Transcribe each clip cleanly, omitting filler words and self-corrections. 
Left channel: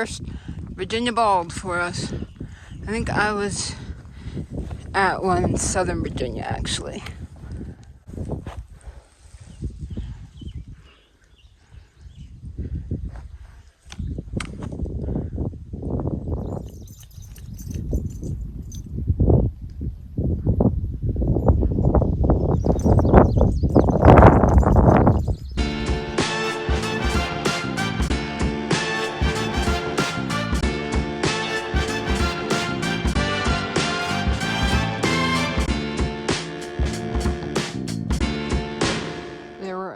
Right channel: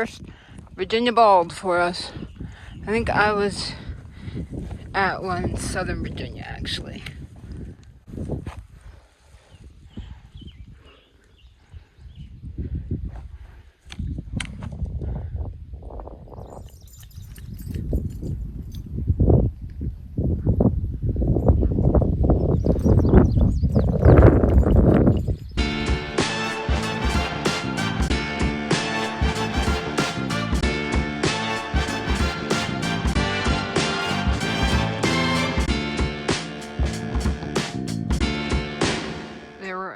first Virginia bald for us. I think I was at one in Southern Virginia, actually.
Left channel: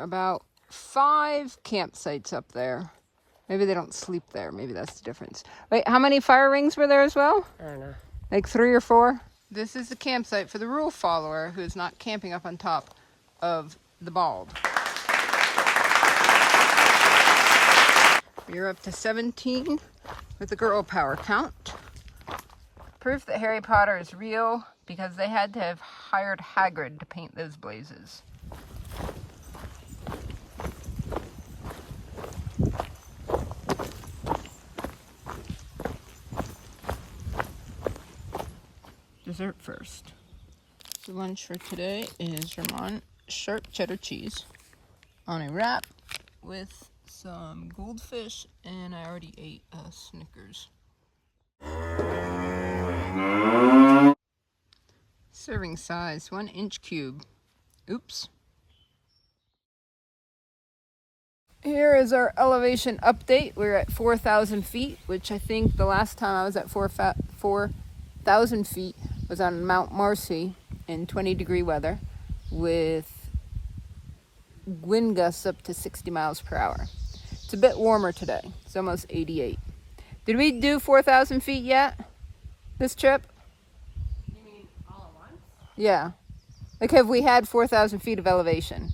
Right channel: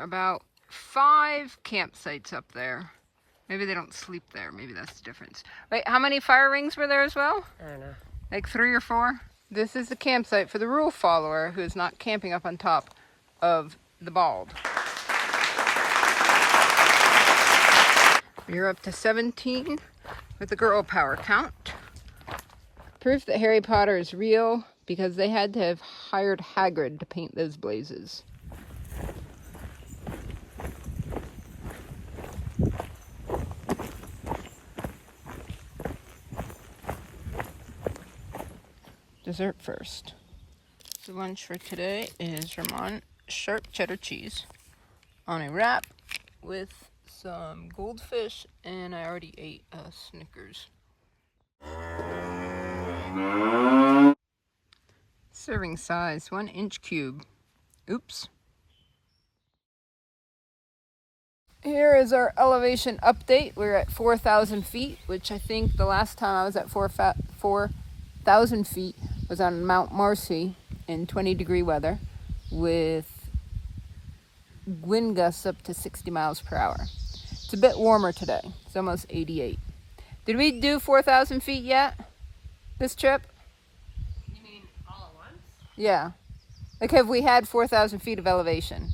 About 5 campsites up there. Maybe they don't sleep there. Maybe that's the difference. Wait, how many fire rings were there as well? I don't know. Like 3 or 4? This is the campsite for the rule follower who is not camping up on top of the bald. We're up to 17 with the girl power count. Proof that Harry Potter is real because they had to have hired Hagrid to paint those blazes. Dessert first. The lunch for today is Vermont sharp cheddar cheese on a wrap with some goldfish, and I already ate a Snickers. Serving size 1-inch cube. Oops. Here is our elevation update. We're at 4,000 feet, which I think the last time I was at 4,000 feet was on Mount Marcy in 20-degree weather with wind gusts up to 60 miles per hour. It's a bit warmer today. It's almost 88. Did we do 4,000 feet yet this trip? You mean all at once? Yeah. Like, have we had 4,000 feet of elevation?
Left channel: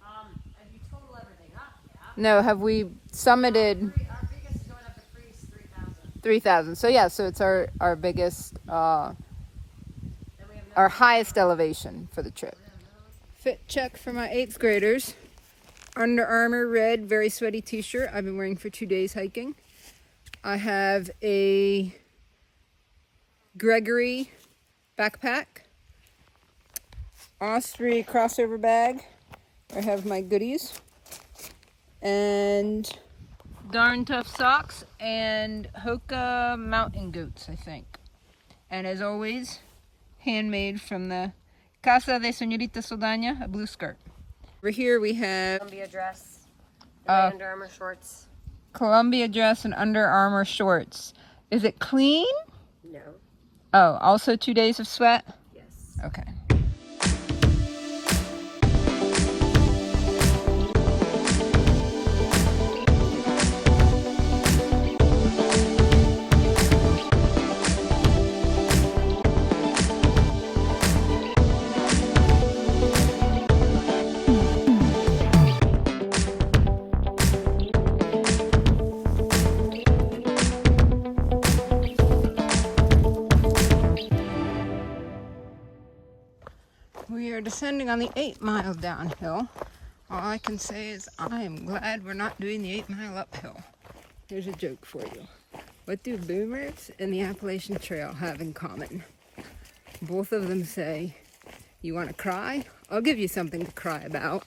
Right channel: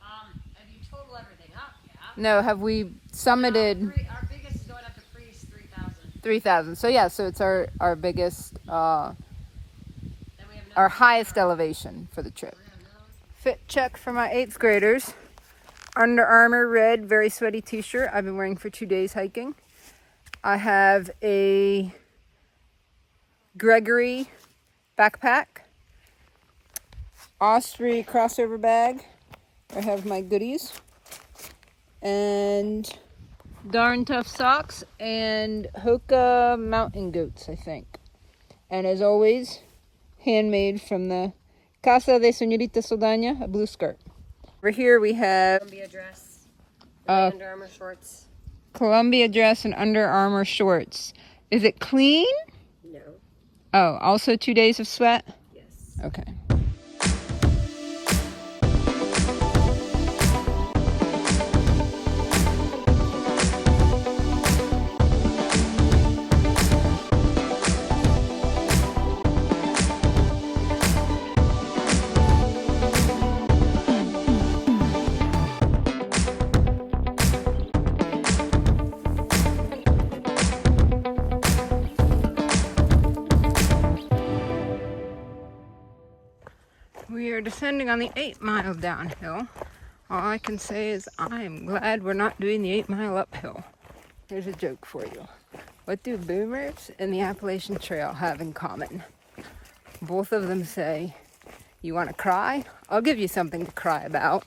Have you total everything up? Yeah. No, have we summited? Our biggest going up to freeze 3,000. 3,000. So yeah, so it's our biggest, our highest elevation for the trip. Fit check for my 8th graders. Under Armour red, very sweaty t-shirt I've been wearing for 2 days hiking. I have a Gregory backpack, Osprey crossover bag. I have my goodies, and Darn Tough socks, and Hoka mountain goats, I think. And as always, handmade from the Casa de Señorita Saldaña, a blue skirt. Over here we have Columbia dress, and my Under Armour shorts. Columbia dress and Under Armour shorts. Is it clean? No. Oh, also 2 days of sweat? Yes. Okay. We are descending on the 8-mile downhill. All I can say is I am glad we're not doing the 8-mile uphill. Here's a joke for you. What do boomers and the Appalachian Trail have in common? Both of them say, you want to cry? I'll give you something to cry about.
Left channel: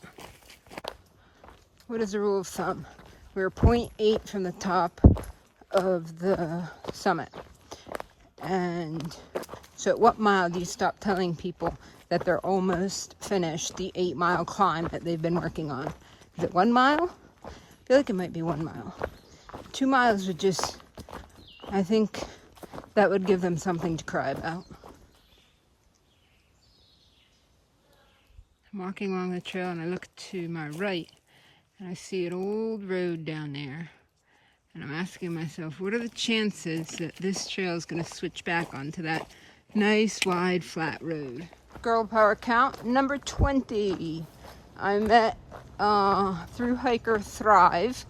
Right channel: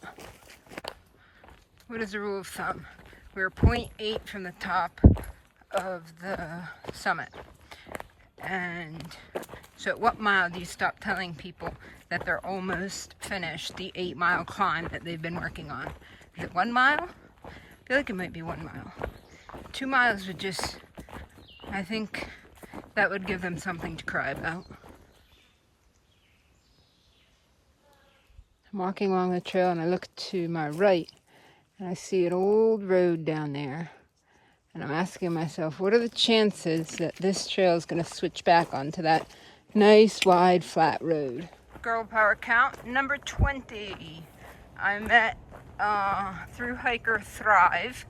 What is the rule of thumb? We're 0.8 from the top of the summit. And so at what mile do you stop telling people that they're almost finished the 8-mile climb that they've been working on? Is it 1 mile? I feel like it might be 1 mile. 2 miles would just, I think that would give them something to cry about. I'm walking along the trail and I look to my right and I see an old road down there. And I'm asking myself, what are the chances that this trail is going to switch back onto that nice, wide, flat road? Girl power count, number 20. I met through hiker Thrive,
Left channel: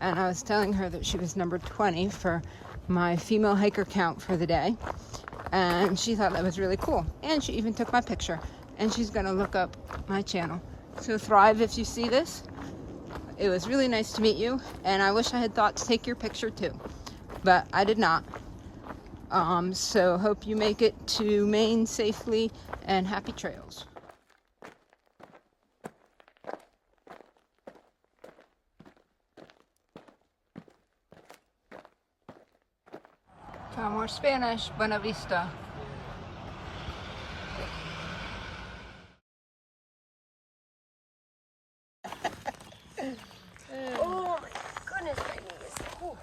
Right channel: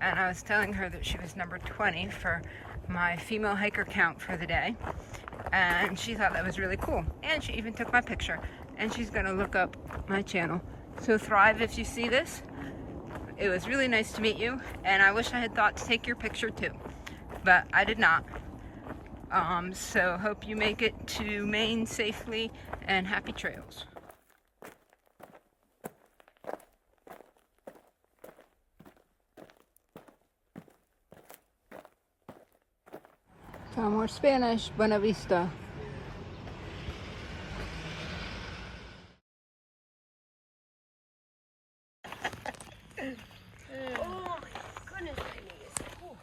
and I was telling her that she was number 20 for my female hiker count for the day. And she thought that was really cool. And she even took my picture. And she's going to look up my channel. So Thrive, if you see this, it was really nice to meet you, and I wish I had thought to take your picture too. but I did not. So hope you make it to Maine safely, and happy trails. So more Spanish, Buena Vista. Oh my goodness, my knees. Ooh.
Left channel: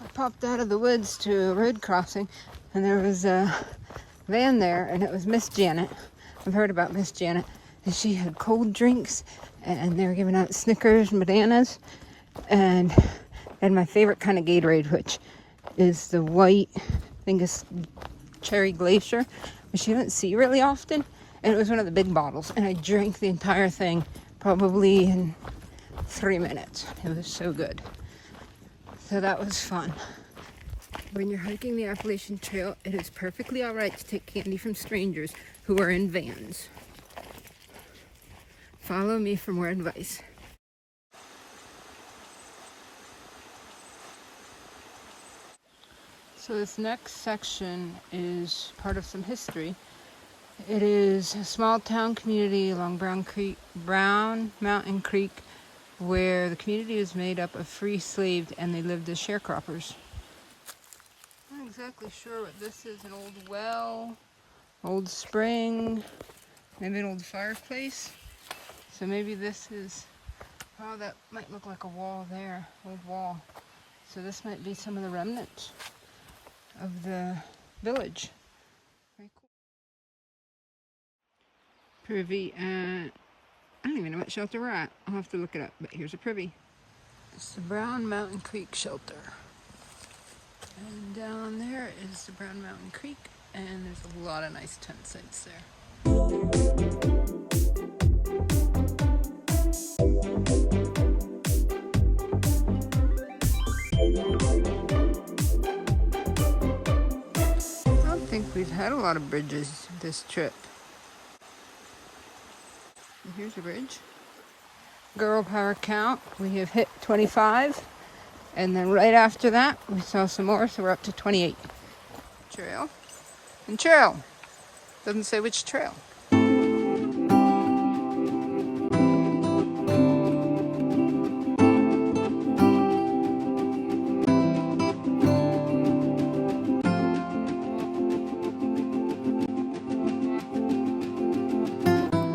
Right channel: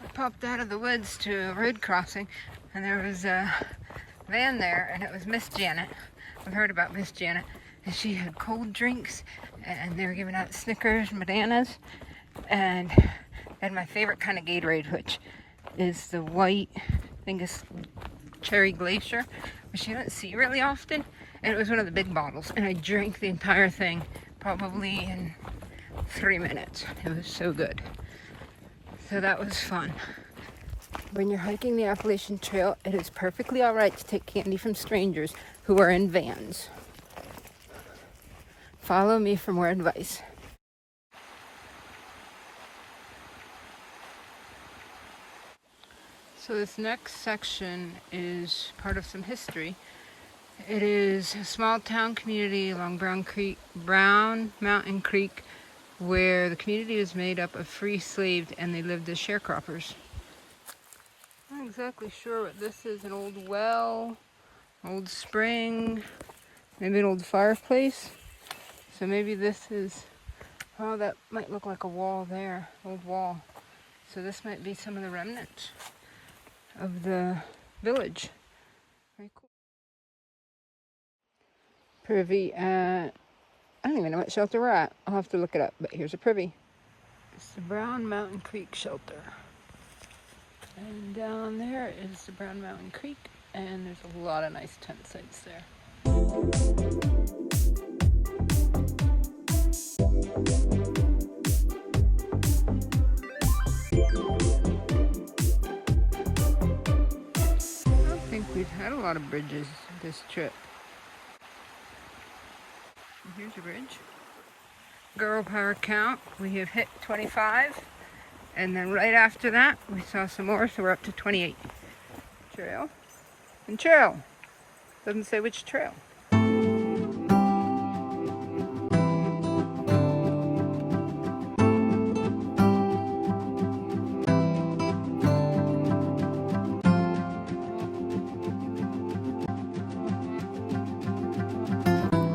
I popped out of the woods to a road crossing, and there was a van there, and it was Miss Janet. I've heard about Miss Janet, and she had cold drinks, and they were giving out Snickers and bananas, and my favorite kind of Gatorade, which is the white, I think it's cherry glacier, which you don't see really often, and it was one of the big bottles, and I drank the entire thing probably in 3 minutes. It was so good. So that was fun. When you're hiking the Appalachian Trail, it is perfectly all right to take candy from strangers who are in vans. Follow me for more advice. So this next section is part of some history. It is a small town community along Brown Mountain Creek, where the community is made up of free slaves and they lived as sharecroppers. I'm not exactly sure what this is. An old well, old spring, maybe an old fireplace. So maybe this is, oh, that might look like a wall there, old wall. So this might be some of the remnants of the village. Very cool. Privy at, I don't even know what shelter we're at. I'll have to look it up, but here's a privy. It's the Brown Mountain Creek shelter. And down there is the Brown Mountain Creek, and there's a lot of nice tent sites there. I don't think we've had a lot of bridges this trip. And here's a bridge. Girl power count, we have hit 25. And then right after that, we saw some more, so we're up to 28. Trail. And trail. Doesn't say which trail.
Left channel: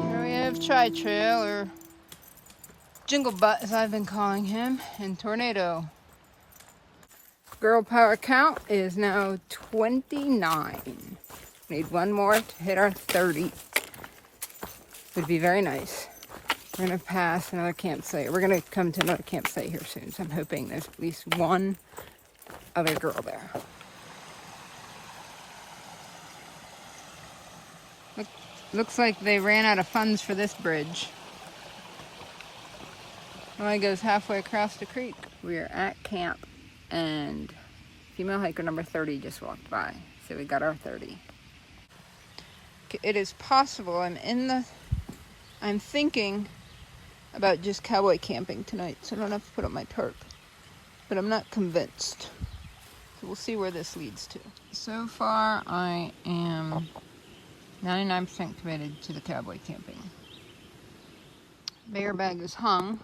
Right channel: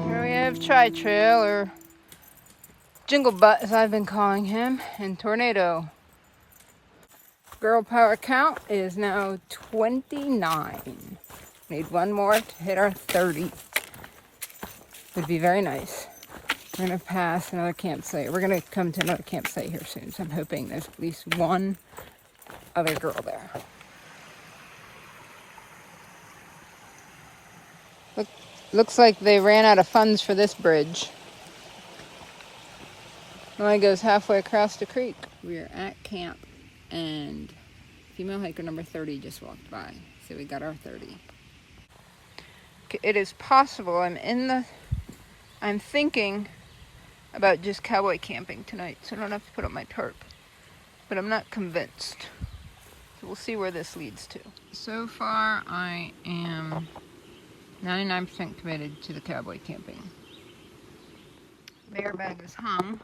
Here we have Tri-Trail, or Jingle Butt as I've been calling him, and Tornado. Girl power count is now 29. Need one more to hit our 30. Would be very nice. We're gonna pass another campsite. We're gonna come to another campsite here soon, so I'm hoping there's at least one other girl there. Looks like they ran out of funds for this bridge. It only goes halfway across the creek. We are at camp, and female hiker number 30 just walked by, so we got our 30. It is possible I'm thinking about just cowboy camping tonight, so I don't have to put up my tarp, but I'm not convinced. So we'll see where this leads to. So far, I am 99% committed to the cowboy camping. Bear bag is hung.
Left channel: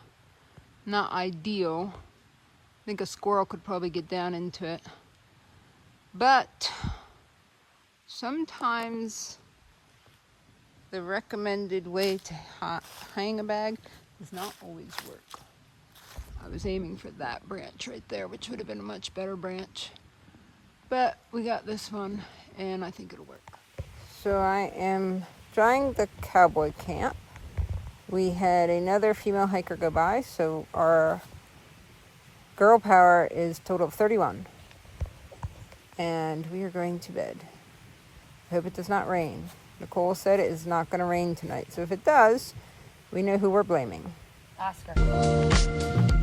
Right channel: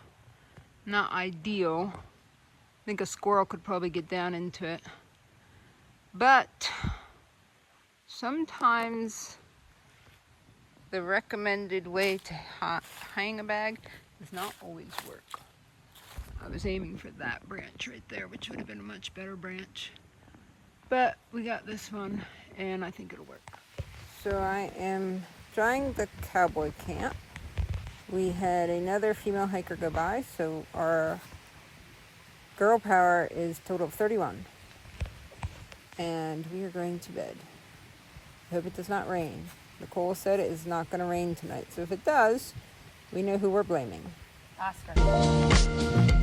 Not ideal. I think a squirrel could probably get down into it. But sometimes the recommended way to hang a bag does not always work. I was aiming for that branch right there, which would have been a much better branch. But we got this one, and I think it'll work. So I am trying the cowboy camp. We had another female hiker go by, so our girl power is a total of 31. And we are going to bed. I hope it does not rain. Nicole said it is not going to rain tonight. So if it does, we know who we're blaming. Oscar.